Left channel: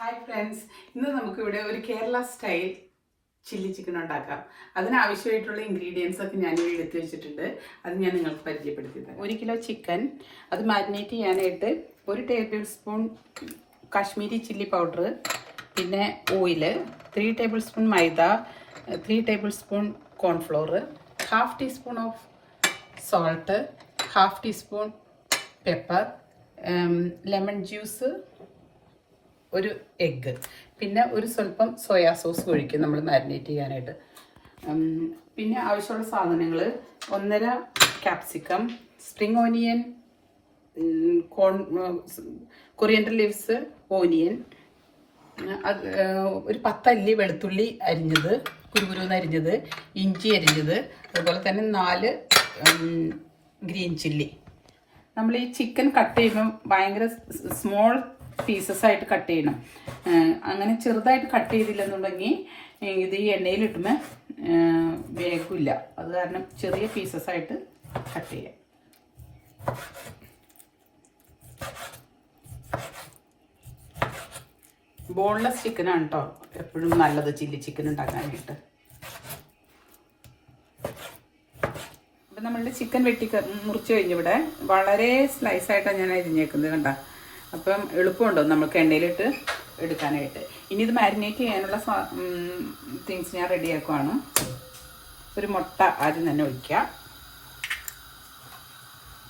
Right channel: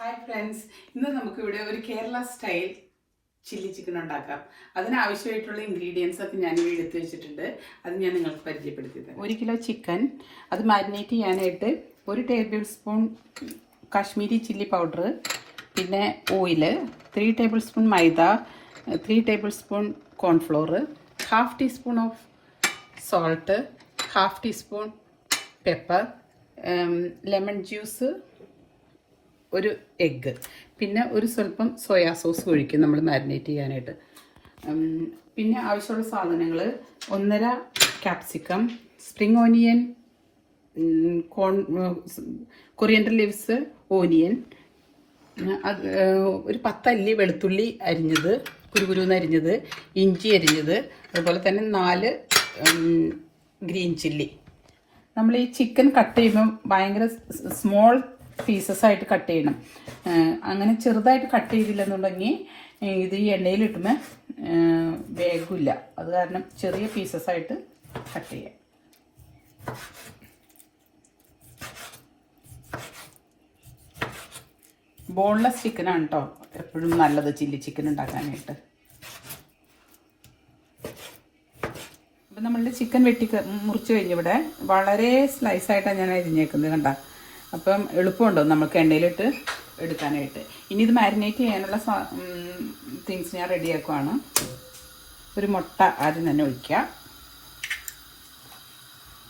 Hi friends, ഇന്ന് നമുക്കിവിടെ ഒരു കേരള സ്റ്റൈൽ ചില്ലി ചിക്കൻ ഉണ്ടാക്കാം. അതിനാവശ്യമായിട്ടുള്ള ഇൻഗ്രീഡിയൻസ് ഒക്കെ ഞാൻ എടുത്തു വെച്ചിട്ടുണ്ട്. അത് ഞാൻ നിങ്ങൾക്ക് പരിചയപ്പെടുത്തി തരാം. 1 കിലോ ചിക്കൻ, അത് മാരിനേറ്റ് ചെയ്യാനായിട്ട് 1 tablespoon Kashmiri chilli powder, പിന്നെ oil, 3 tablespoon maida, 3 tablespoon cornflour, 1/2 teaspoon of salt, 1/2 teaspoon pepper, lemon juice, ഒരു എഗ്ഗ്, പിന്നെ ഒരു സ്വല്പം സോയാ സോസ് ഒഴിക്കും നമ്മൾ മാരിനേറ്റ് ചെയ്യാനായിട്ട്. പിന്നെ ആവശ്യമുള്ള സാധനങ്ങൾ 1.5 capsicum, spring onion, coriander leaves, onion, ഒരു 10 അല്ലി വെളുത്തുള്ളി അരിഞ്ഞത്, കുരുകുരുന്ന് അരിഞ്ഞത്, ഇഞ്ചി അരിഞ്ഞത്, അതുപോലെ തന്നെ 4 ഗ്രീൻ ചില്ലി. നമ്മൾ ഈ ചിക്കൻ കട്ട് ചെയ്യുമ്പോൾ ഭയങ്കര സ്മോൾ പീസസ് ആയിട്ട് കട്ട് ചെയ്യണം. അങ്ങനെ ചെറുതായിട്ട് കട്ട് ചെയ്തില്ലെന്നുണ്ടെങ്കിൽ ഇത് ഈ എണ്ണയിലിട്ടുമ്പോൾ വേഗമില്ല. അത് കാരണം ചെറിയ പീസസ് ആയിട്ട് കട്ട് ചെയ്യാം. ബോൺലെസ് ചിക്കനാണ് കേട്ടോ എപ്പോഴും നല്ലത് ചില്ലി ചിക്കൻ ഉണ്ടാക്കാനായിട്ട്. അപ്പം നമ്മളുടെ ചിക്കൻ മുറിച്ച് കഴിഞ്ഞിവിടെ വളരെ സ്ലൈസായിട്ടാണ് ഞാൻ അരിഞ്ഞേക്കുന്നത്, കണ്ട. അപ്പം എളുപ്പമുണ്ടോ നമുക്ക് എണ്ണയിലിട്ട് എടുക്കാനായിട്ട്. ഇനി ഇത് മാരിനേറ്റ് ചെയ്യാനുള്ള തിങ്സ് ഞാൻ റെഡിയാക്കുവാണ്. ഒരു മുട്ട ആദ്യം തന്നെ ഒഴിക്കാം.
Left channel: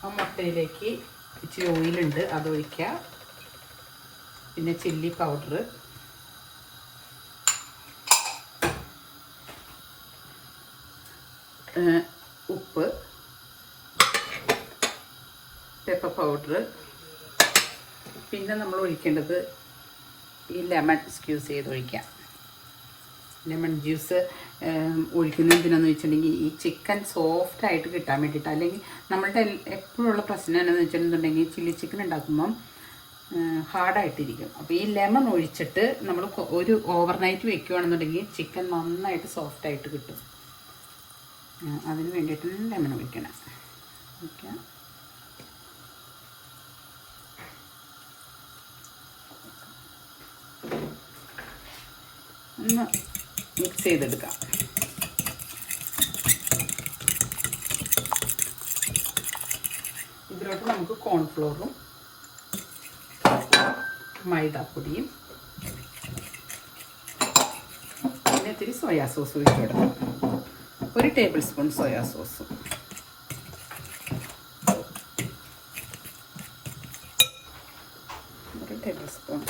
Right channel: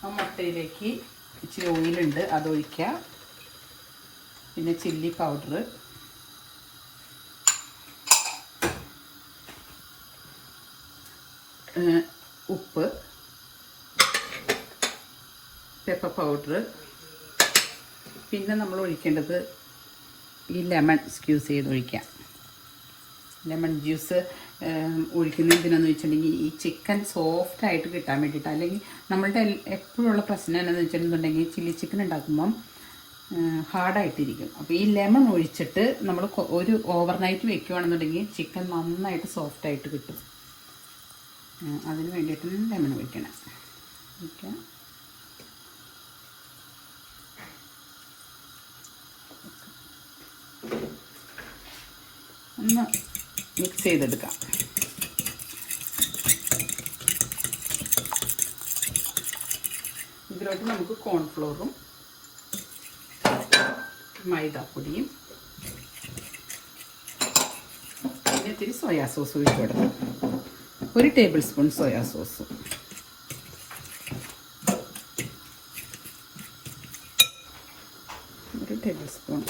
ആ മുട്ടയിലേക്ക് ഇച്ചിരി ഓയിലുണ്ട്, അത് ഒഴിക്കാം. പിന്നെ ചില്ലി പൗഡർ, ഉപ്പ്, പെപ്പർ പൗഡർ, പിന്നെ നമ്മൾ ഒഴിക്കേണ്ടത് ഈ ലെമൺ സ്ക്യൂസ് ചെയ്ത് ഒഴിക്കാം. ലെമൺ ജ്യൂസ് ഒഴിക്കുന്നത് എന്തിനാന്ന് വെച്ചിട്ടുണ്ടെങ്കിൽ ഈ ചിക്കൻ സോഫ്റ്റ് ആയിട്ട് കിട്ടാൻ വേണ്ടിയിട്ട്. അല്ലെങ്കിൽ നമ്മളുടെ എപ്പോഴുള്ള പ്രശ്നം എന്താണെന്ന് വെച്ചിട്ടുണ്ടെങ്കിൽ ചില്ലി ചിക്കൻ ഉണ്ടാക്കുമ്പം ഹാർഡായിട്ടിരിക്കും. അപ്പോൾ ഈ ലെമൺ ഒഴിച്ചിട്ട് നമ്മൾ ഒരു ഓവർനൈറ്റ് വെക്കുകയാണെന്നുണ്ടെങ്കിൽ ചിക്കൻ നന്നായിട്ട് സോഫ്റ്റായിട്ട് കിട്ടും. അതിന് വേണ്ടിയിട്ട് ലെമൺ ഒഴിക്കണം. ഓക്കെ, ഒന്ന് മിക്സ് ചെയ്തെടുക്കാം. ഇതിലോട്ട് നമുക്ക് കോൺഫ്ലോറും മൈദാപ്പൊടിയും പിന്നെ ഇത്തിരി സോയാ സോസ് ഒഴിച്ചിടാം. 1 tablespoon soya sauce, tablespoon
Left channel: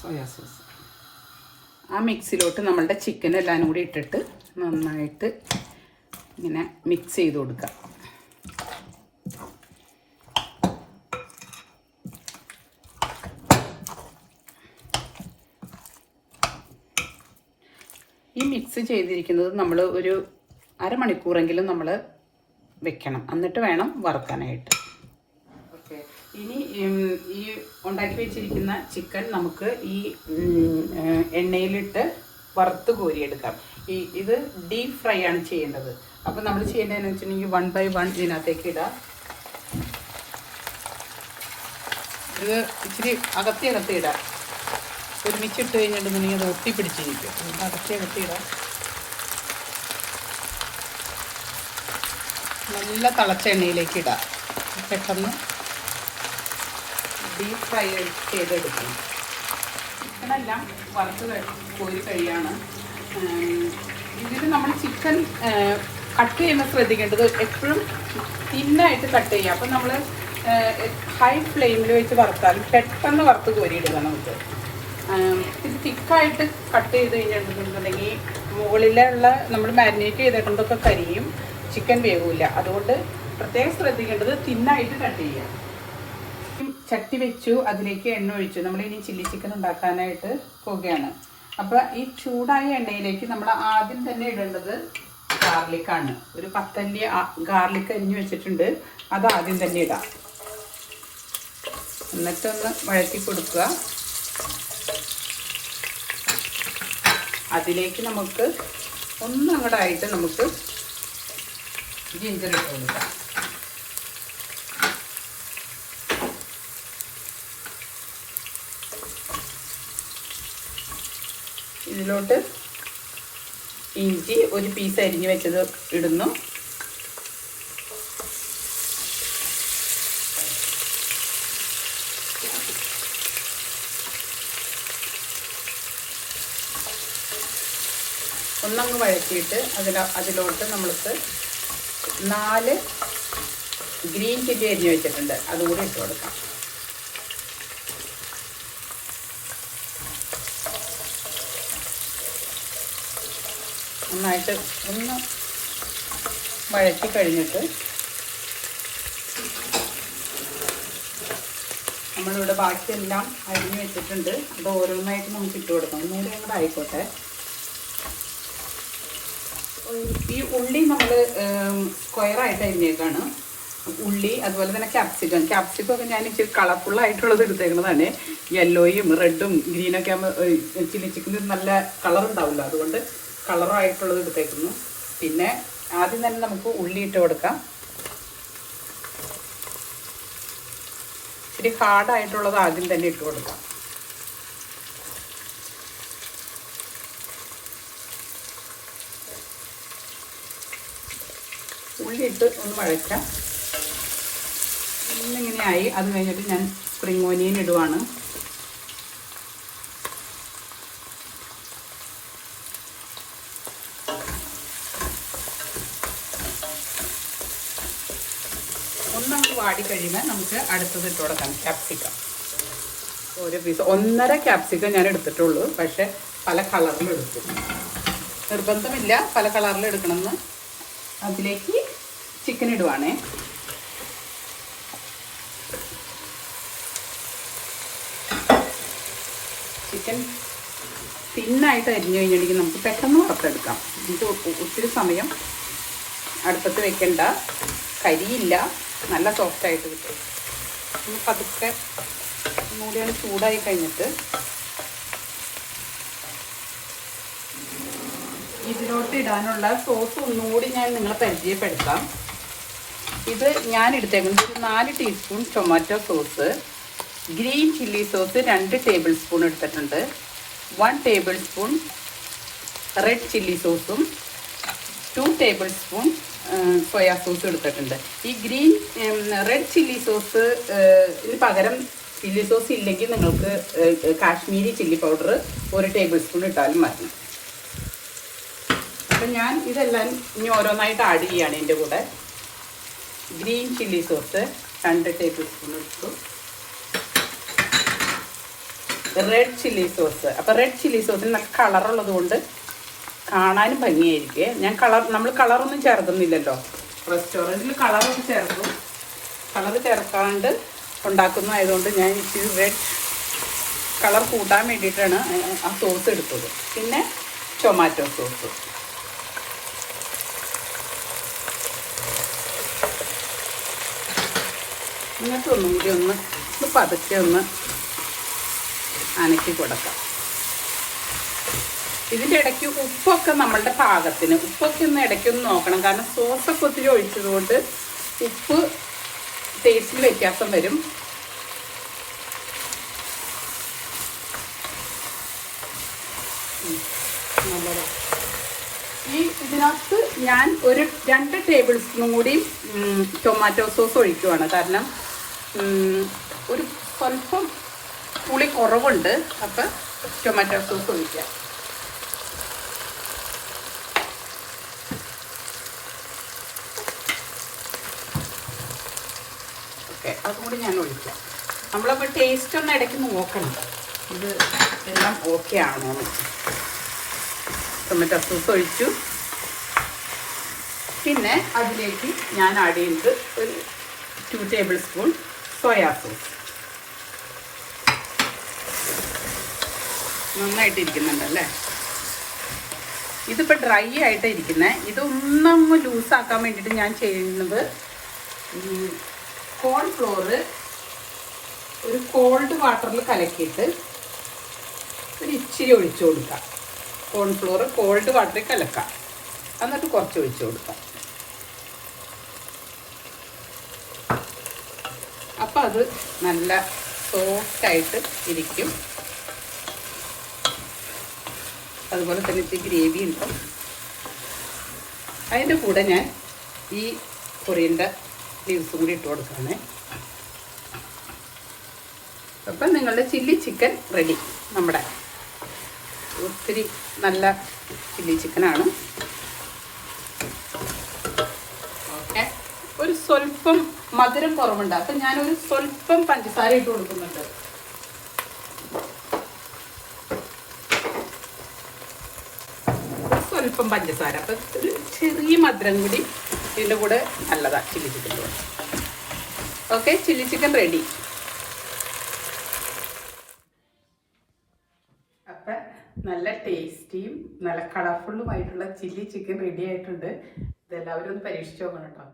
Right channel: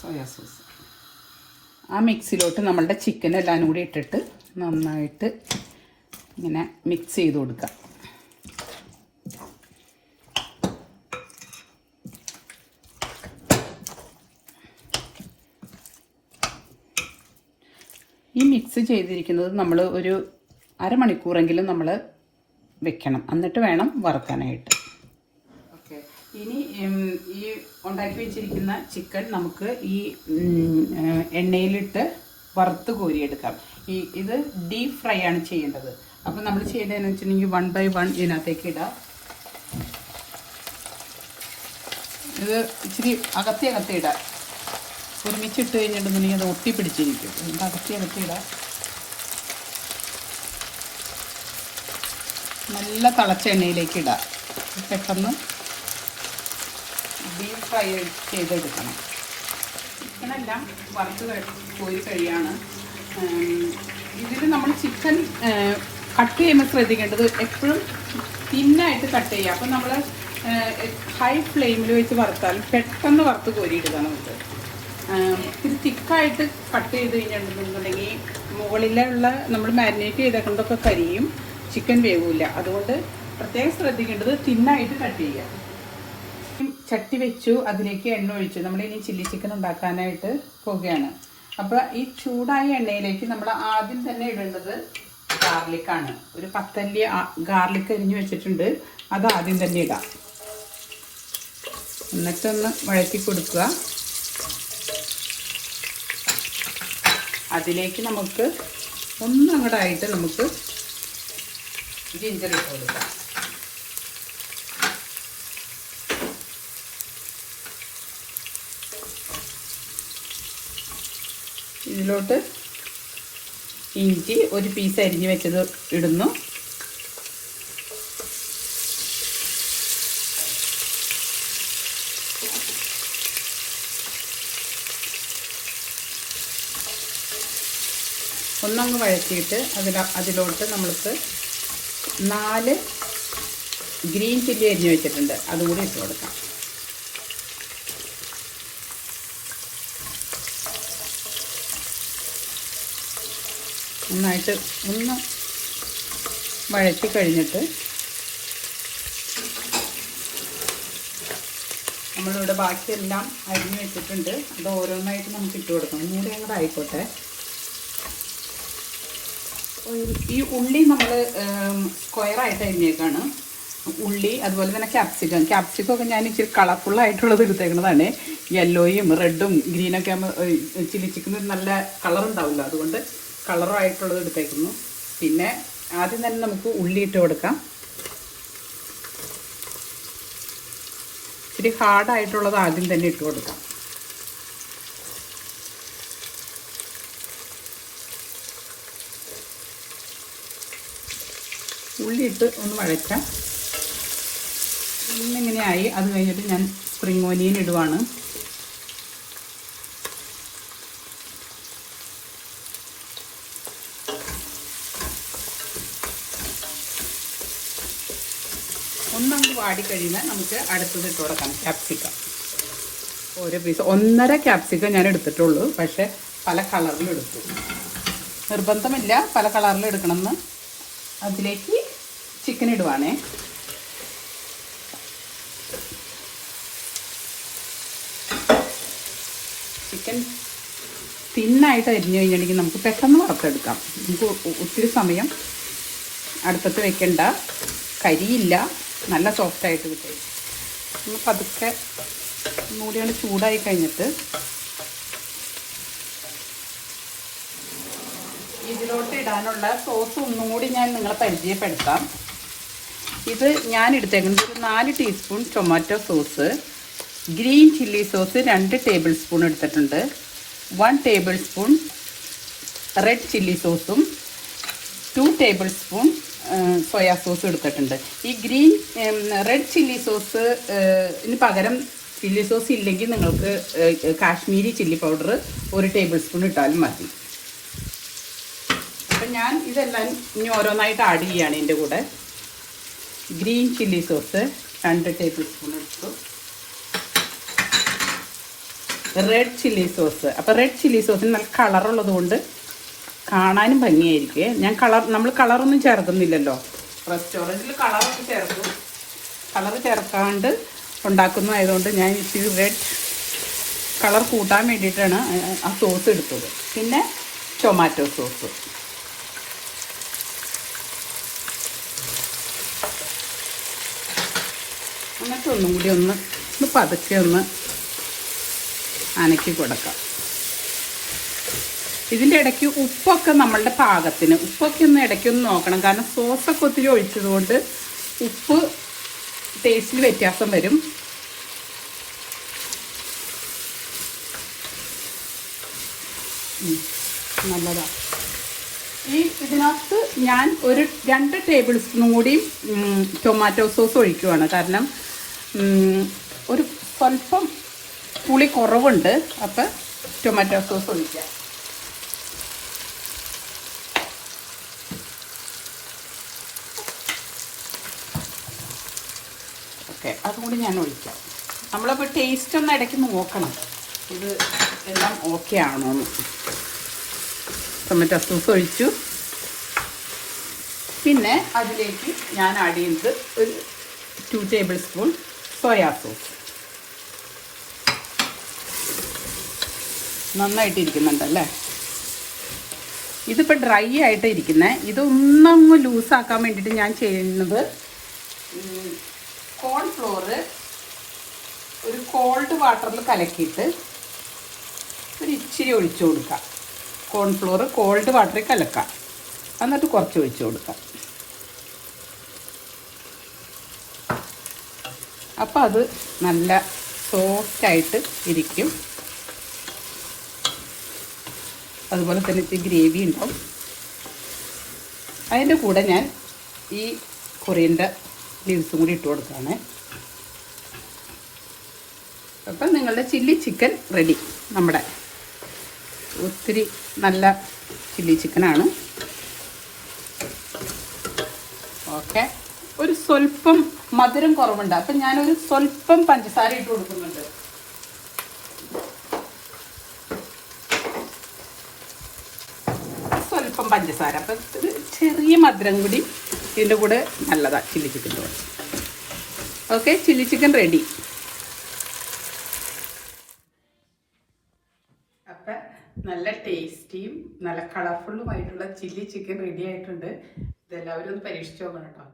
soya sauce. ആ മിക്സിലോട്ട് നമ്മളുടെ ചിക്കൻ എല്ലാം കൂടി ഇട്ടിട്ട് നന്നായിട്ട് ഇങ്ങനെ മിക്സ് ചെയ്ത് കൊടുക്കാം. ഈ മിക്സ് ചെയ്തിരിക്കുന്നത് നമ്മൾ ഒരു അരമണിക്കൂറെങ്കിലും നമ്മൾ വെക്കണം, എന്നിട്ട് വേണം വറുക്കാനായിട്ട്. ഓക്കെ, ഇനി ഈ ഉണ്ടാക്കി വെച്ചിരിക്കുന്ന ചിക്കൻ നമുക്ക് ഈ എണ്ണയിലിട്ട് വറുത്ത് കോരിയെടുക്കാം. ഇത് ഡീപ്പ് ഫ്രൈ ആണ് ചെയ്യേണ്ടത്. അപ്പം നമ്മൾ ചെയ്യേണ്ടതെന്ന് വെച്ചിട്ടുണ്ടെങ്കിൽ 1 by 1 ഇതിനകത്തേക്ക് ഇടാം. ഇത് ഇച്ചിരി അകത്തെ ഇടാം. ഒരുമിച്ച് ഇട്ട് കഴിഞ്ഞിട്ടുണ്ടെങ്കിൽ ഇത് ഒട്ടി പിടിച്ചിരിക്കും. അകത്തെ ഇടാം. നല്ല തിളച്ച എണ്ണയിലേക്ക് ഇടാം. പെട്ടെന്ന് ഡീപ്പ് ഫ്രൈ ചെയ്തെടുക്കണം. ചിക്കനെല്ലാം വറുത്ത് കോരി കഴിയാണ്. ഇതിൽ നമ്മൾ ചിക്കൻ കട്ട് ചെയ്യുമ്പോൾ ശ്രദ്ധിക്കേണ്ടത് എപ്പോഴും തിന്നായിട്ട് കട്ട് ചെയ്യുക. അപ്പം നമ്മൾ ഹൈ ഫ്ലെയിമിൽ വെച്ച് വറുത്താൽ പെട്ടെന്ന് വറുത്ത് കോരിയിടുക. നമുക്ക് ഇത് തിക്കായിട്ട് കട്ട് ചെയ്ത് കഴിഞ്ഞിട്ടുണ്ടെങ്കിൽ മുകളിലുള്ള നമ്മൾ മാരിനേറ്റ് ചെയ്തേക്കൊണ്ടൊക്കെ കരിയും, ചിക്കൻ വേവില്ല. അതുകൊണ്ട് പ്രത്യേകം ശ്രദ്ധിക്കേണ്ടത് തിന്നായിട്ട് കട്ട് ചെയ്യുക. ചട്ടി വെച്ചു, അതിലേക്ക് എണ്ണ ഒഴിച്ചു. നമ്മൾ ഇനി ചില്ലി ചിക്കൻ ഉണ്ടാക്കാനായിട്ട് പോകുകയാണ്. അപ്പോൾ ഈ ചൂടായ എണ്ണയിലേക്ക് നമ്മൾ ആദ്യം തന്നെ ഇടേണ്ടത് ഗാർലിക്കാണ്. ഒരു 10 അല്ലി ഗാർലിക് അരിഞ്ഞു വെച്ചിട്ടുണ്ട്, അത് ആദ്യം തന്നെ ഇടാം. എന്നിട്ടൊന്ന് വഴറ്റി കൊടുക്കുക. അതിലേക്ക് നമുക്ക് ഒന്നങ്ങടായിട്ട് നമുക്ക് ജിഞ്ചർ ഇട്ട് കൊടുക്കാം. ഇതിലോട്ട് ഇഞ്ചി ഒരു പീസ് അരിഞ്ഞ് വെച്ചത് ഇടുന്നു. ഒന്നങ്ങ് വഴറ്റിയിട്ട് അതിലോട്ട് നമ്മൾക്ക് 4 ഗ്രീൻ ചില്ലി അരിഞ്ഞ് വെച്ചിട്ടുണ്ട്, അതുകൂടി ഇട്ട് കൊടുക്കാം. നന്നായിട്ട് ഒന്ന് വഴറ്റി കഴിഞ്ഞിട്ട് നമ്മളിവിടെ ബാക്കിയെല്ലാം അരിഞ്ഞ് വെച്ചിട്ടുണ്ട്. അത് ഓരോന്നായിട്ട് നമുക്ക് ഇട്ട് കൊടുക്കാം. ഒന്നുകൂടി കൂടെ ആയിക്കോട്ടെ. ഈ ഉള്ളി നമ്മൾ സ്ക്വയറായിട്ട് അരിഞ്ഞേക്കാണ്. ഉള്ളി അതുപോലെ തന്നെ ക്യാപ്സിക്കം ഒക്കെ ഞാൻ ഇച്ചിരി കളർഫുള്ളായിട്ടുള്ളത് എടുത്തേക്കുന്നതാണ്. യെല്ലോയും റെഡും ഗ്രീനൊക്കെ ആകുമ്പോൾ ചില്ലി ചിക്കന് നല്ല കളർ ഉണ്ടാവില്ല, അതുകൊണ്ട് കളറായിട്ടുള്ളത് എടുത്തേക്കുന്നു. പിന്നെ ആദ്യം തന്നെ നമുക്ക് ഉള്ളി ഇട്ട് കൊടുക്കാം. ഇച്ചിരി ഹാർഡായിട്ടുള്ളത് ആദ്യം തന്നെ ഇട്ട് കൊടുക്കാം. ഉള്ളി ഇട്ട് ഒന്ന് വഴറ്റാം. ഇന്നിങ്ങനെ ആയി. അത് കഴിഞ്ഞിട്ട് ഞാൻ സ്പ്രിംഗ് ഓനിയൻ ഇടുവാണ്. ഒന്നൊന്ന് വാടി കഴിയുമ്പോൾ നമുക്ക് അടുത്തത് ഇട്ട് കൊടുക്കാം. ക്യാപ്സിക്കം ഒരു പീസ് 1.5 ക്യാപ്സിക്കം ഞാൻ എടുത്തിട്ടുള്ളൂ. പക്ഷെ പല കളറിൽ എടുത്തു. നിർബന്ധമില്ല പല കളറിൽ എടുക്കണമെന്ന്. അതിലേക്ക് ചിക്കൻ ഇടുവാണേ. ചിക്കൻ തിന്നായിട്ട് അരിഞ്ഞു കഴിഞ്ഞിട്ടുണ്ടെങ്കിൽ നമുക്ക് പെട്ടെന്ന് വറുത്തെടുക്കാം. നമുക്ക് ഒത്തിരി സമയം അടുപ്പത്ത് വെക്കണ്ട, കരിയില്ല, നല്ല സോഫ്റ്റായിട്ട് കിട്ടും. അതൊക്കെ മൂടികൾ ചൂടായി കഴിഞ്ഞിട്ട് ഇതിലോട്ട് ഇടാനുള്ള സോസ് ഒന്നുകൂടി ഞാൻ നിങ്ങളെ പരിചയപ്പെടുത്താം. ഇത് ഞാൻ എടുത്തേക്കുന്നത് 4 teaspoon tomato sauce, green chilli sauce 2 table spoon എടുത്തിട്ടുണ്ട്, 1 ടേബിൾ സ്പൂൺ റെഡ് ചില്ലി സോസും 2 ടേബിൾ സ്പൂൺ സോയാ സോസും എടുത്തിട്ടുണ്ട്. ഈ റെഡ് ചില്ലി സോസ് ഇതിന് പകരം ചില്ലി സോസ് ഇല്ലെങ്കിൽ നിങ്ങൾക്ക് Kashmiri chilli powder 1 table spoon ഇട്ടാലും മതി. അപ്പം ഞാൻ ഇതെല്ലാം ഇനി ഓരോന്നായിട്ട് ആഡ് ചെയ്യുകയാണ്. ഇതിൻ്റെ കൂടെ green chilli sauce 2 table spoon എടുത്തു, റെഡ് ചില്ലി സോസ്. അപ്പോൾ റെഡ് ചില്ലി സോസിന് നല്ല കളറുള്ളത് കൊണ്ട് കാണാനും ഭംഗിയായിരിക്കും. നമ്മൾ കളറൊന്നും ചേർക്കുന്നില്ലല്ലോ, റെസ്റ്റോറൻറ്റിൽ കളറൊക്കെ ചേർക്കും. കളർ ചേർക്കാണ്ട് ഉണ്ടാക്കുന്നതായതുകൊണ്ട് ഞാൻ ഇച്ചിരി റെഡ് കളർ കൂട്ടാൻ വേണ്ടിയിട്ടാണ് ആ സോസ് എടുത്തത്. പിന്നെ ടൊമാറ്റോ സോസ്, എന്നിട്ട് ഒന്നുകൂടി ഒന്ന് പതുക്കെ ഒന്ന് അനക്കി കൊടുക്കാം. ഇതിൻ്റെ ഇടയ്ക്ക് ഉപ്പൊക്കെ നമ്മളുടെ പാകത്തിന്, ഉപ്പൊക്കെ ഒന്ന് ഇടയ്ക്കൊന്ന് നോക്കണം. കാരണം സോസൊക്കെ ഒത്തിരി ഒഴിച്ചതുകൊണ്ട് ഉപ്പ് ടേസ്റ്റിൽ വ്യത്യാസം വരും. ഇതിനകത്ത് ഞാൻ ഒരു 2 ടേബിൾ സ്പൂൺ കൂടി ടൊമാറ്റോ സോസ് ഒഴിക്കുവാണ്. കാരണം ഒരു സ്വല്പം പുളി കുറവുണ്ട്. അപ്പം ടൊമാറ്റോ സോസ് ഒഴിക്കാം. ഓക്കെ, അതുകൂടി ഞാൻ ഒഴിക്കാം. നമ്മളപ്പോൾ ടേസ്റ്റ് ഒന്ന് ഇടയ്ക്ക് നോക്കണം, ഇത് എല്ലാം ഓക്കെ ആണോ. ടൊമാറ്റോ സോസ് ഒഴിച്ചു. പിന്നെ അതിലേക്ക് ഞാൻ ആഡ് ചെയ്യുന്നത് ഒരു 2 ടേബിൾ സ്പൂൺ സോയാ സോസ്. നന്നായിട്ടിരിക്കുന്നുണ്ടല്ലേ. ഇതിപ്പോൾ ഡ്രൈ ആയിട്ട് ഇരിക്കുന്നത്. ഇതൊന്നൊന്ന് ലൂസാക്കാൻ വേണ്ടിയിട്ട് ഞാൻ ചെയ്യുന്നത് കോൺഫ്ലോർ ഒരു കോൾഡ് വാട്ടറിൽ കലക്കിയിട്ട് ഒരു ഇച്ചിരി ഒഴിച്ചു കൊടുക്കാം. കോൺഫ്ലോർ കോൾഡ് വാട്ടറിൽ കലക്കാം, എന്നിട്ട് കുറച്ച് ഒഴിച്ചു കൊടുക്കാം. അപ്പം അത് നല്ല സോഫ്റ്റായിട്ട് ഇരിക്കും. അതുപോലെ തന്നെ എനിക്ക് ഗ്രേവി ഉണ്ടാവും. അതിൻ്റെ കൂടെ ഞാൻ ഈ കൊറിയൻ്റെ ലീവ്സും കൂടി ഇട്ട് കൊടുക്കുകയാണ്. അപ്പം നിങ്ങളുടെ ചില്ലി ചിക്കൻ റെഡി. നമ്മുടെ ഒത്തിരി നല്ല ചില്ലി ചിക്കനാണ്. ഓക്കെ, ഒരു സ്വല്പം മധുരം കുറവുണ്ട്. അപ്പം ഞാനൊരു സ്വല്പം പഞ്ചസാര ഇട്ട് കൊടുക്കുന്നുണ്ട്. സ്വല്പം പഞ്ചസാര, അപ്പം ഒരു ചെറിയ മധുരം കൂടി ഇതിൻ്റെ കൂടെ നല്ലതാണ് chilli chicken. Okay, chilli chicken ready. അപ്പം നല്ല ടേസ്റ്റിയും നല്ല കളർഫുള്ളുമായിട്ടുള്ള ചില്ലി ചിക്കൻ റെഡി ആയിട്ടുണ്ട്. ഇതെല്ലാവരും ഒന്ന് പരീക്ഷിച്ച് നോക്കണം കേട്ടോ.